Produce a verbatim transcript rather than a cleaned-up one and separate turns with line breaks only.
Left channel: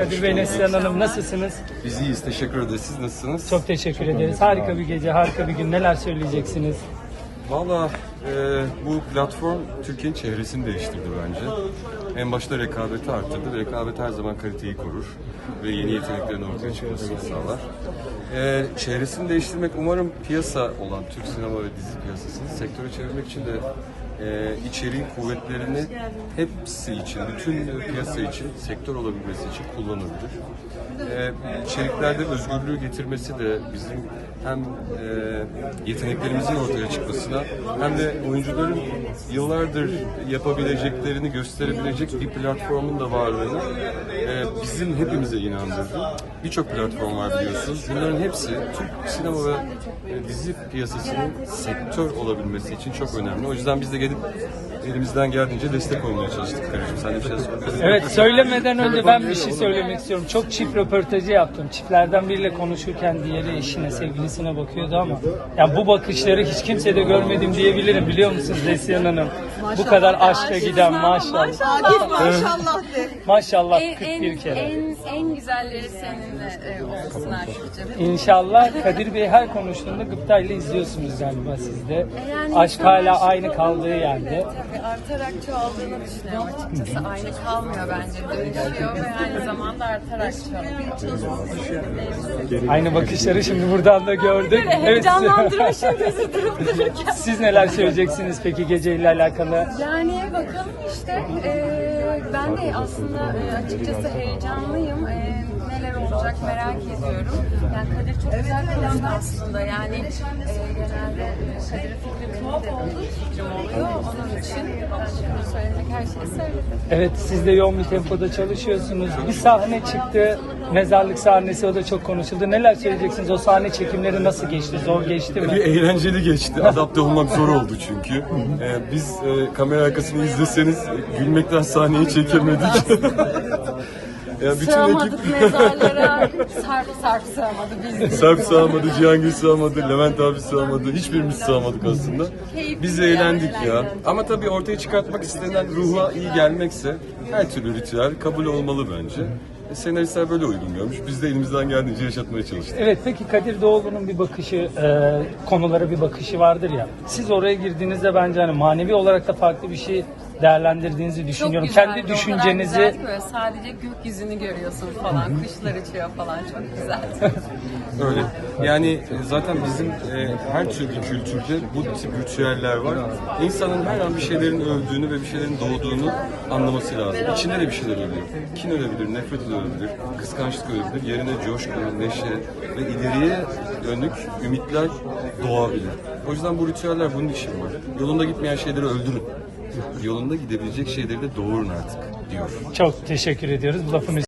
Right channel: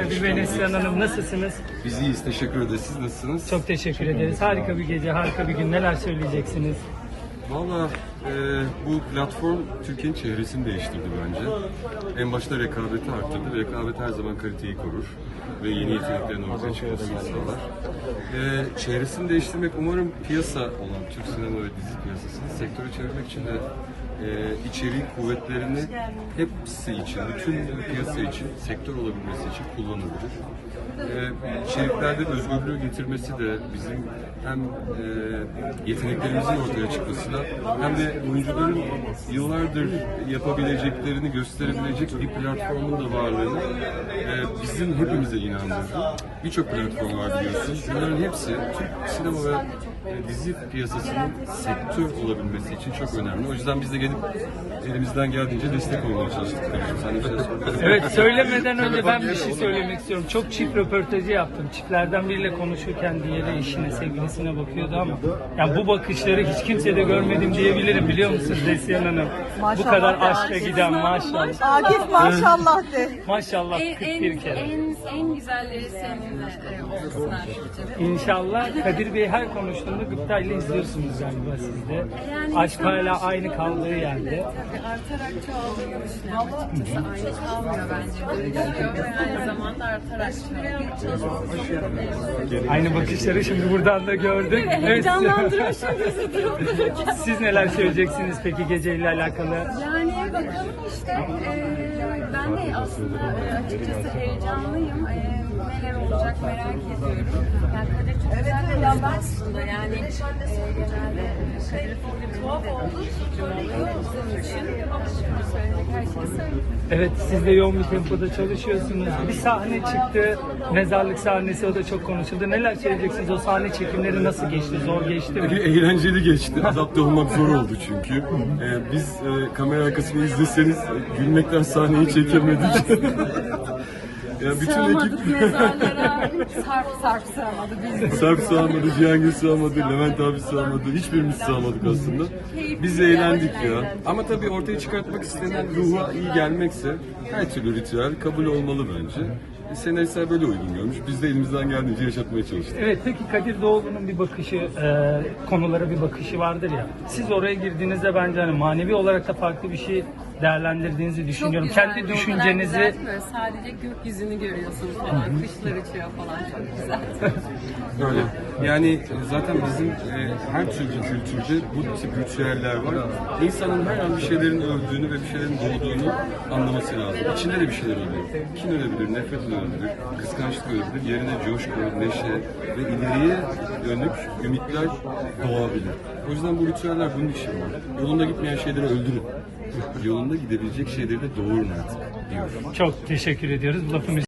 Kadir Bey, Neslihan Hanım nasılsınız?
Biz iyiyiz, teşekkür ederiz. Siz nasılsınız?
Çok teşekkür ederiz. Harika bir gece, harika bir gün. Neler söyleyeceksiniz?
Valla e, bu platform Türkiye'nin çevresini değiştirdi bence. En başta rekabeti arttırdı. Rekabet her zaman kaliteyi korur ve yeni yeteneklerin ortaya çıkmasını sağlar. E, çevresini değiştirmek umarım piyasa olan Türk sinema ve dizi piyasasını sektöre çevirmek için de e, içeriğin kuvvetlerini hepsi için, bütün piyasa için, sektör olabilmesi için kullanabilir. E, içeriklerde özgürlüğü getirmesi de bizim hem e, yeteneklerimizin ortaya çıkmasına hem de oyuncuların yıllardır yapabileceklerini gösterebilecek bir platformun da varlığını e, bizim hepimize inandırdı. Birçok platform var biliyorsunuz. Bunların hepsi Türk sinema ve e, dizi piyasasının sektör olabilmesi için çok önemli. O yüzden biz de gelip elimizden geldiğince destek olmaya çalıştık. Sen de şey söyle.
Evet, söylemeden önce ben bir şey söylemek istiyorum. Çok çift röportajı yaptım. Çiftlerden biriyle konuşurken diğeri eşine, sevgilisine bakıyordu ama yani bu bakışları hiç kimsede görmedim diyebilirim, biliyor musunuz Neslihan Hanım? Bu kadar aşka giden, maşallah.
Akif maşallah de.
Maşallah
En,
kırk
en,
bir kere.
en, en güzelleri seninle e, olsun Akif'ciğim.
İnşallah. Kadir Bey her konuştuğunda gıptayla izliyorsunuz galiba siz de.
Yani
Aşk
insanlar
hala
şimdi
aynı kaldığı yerde.
Tabii artarak çoğaldığını düşünüyorum açıkçası. Aynı kalmıyor bence. Dönüşüyor ve aynı zamanda artarak çoğalıyor.
Aynı bakışları şimdi buradan da gördük. Evet.
Heyecanlandırmışım bizi durup dururken.
Siz neler söyleyeceksiniz peki geceyle alakalı?
Yani bakalım işte e, ben de aslında e, açıkçası heyecanlıyım. E, neler olacak merak ediyorum. Yani Kadir çok güzel planlar aslında. Yani e, genelde Kadir'in fikri benim de bir fikrim oluyor. Onun için e, söylemek her şeyi söyledim.
Evet, siz de yoğun bir tempoda çalışıyorsunuz. Bir sahne çıktı, mezarlık sahnesi, o da çok konuşuldu. Neler söyleyeceksiniz? O sahne çekimleri nasıl geçti? Zor geçti
Bir
mi?
eğlenceli geçti. Adapte olmak zor oldu çünkü. Ee, biz e, kamera arkasını izleseniz gülmekten sahneyi çekemedik. Ya bütün
Sığamadık
ekip
mezarlara. Sarp Sarp sığamadı biz.
Sarp sığamadı, Cihangir sığamadı, Levent abi sığamadı. Hiçbirimiz sığamadık aslında. Biz eğlendik ya. Ama tabii ortaya çıkartmak istenen ruha iyi gelmekse her türlü ritüel kabul olmalı bence. E, senaristler böyle uygun görmüş. Biz de elimizden geldiğince yaşatmaya çalıştık.
Evet, peki Kadir Doğulu'nun bir bakışı, e, konulara bir bakışı vardır ya. Siz oraya girdiğinizde bence hani manevi olarak da farklı bir şey değerlendirdiğinizi düşünüyorum.
Çok güzeldi,
Kendi
o kadar
düşüncenizi...
güzeldi ki böyle sadece gökyüzünü görüyorsunuz falan, kuşlar uçuyor falan, çok güzeldi.
Öyle. Yani e, zaten bizim e, her türlü kültürde bu tip ritüeller var. İnsanın her an bir şeylerin öldüğünü ve bir şeylerin doğduğunu anlaması lazım. İçinde de bir şeyler ölüyor. Kin ölebilir, nefret ölebilir, kıskançlık ölebilir. Yerine coşku, neşe ve ileriye dönük ümitler doğabilir. O yüzden bu ritüeller bunun için var. Yolunda gitmeyen şeyleri öldürün. Yolunda gidebilecek şeyleri de doğurun artık diyor.
Çok teşekkür ediyoruz. Bu lafımı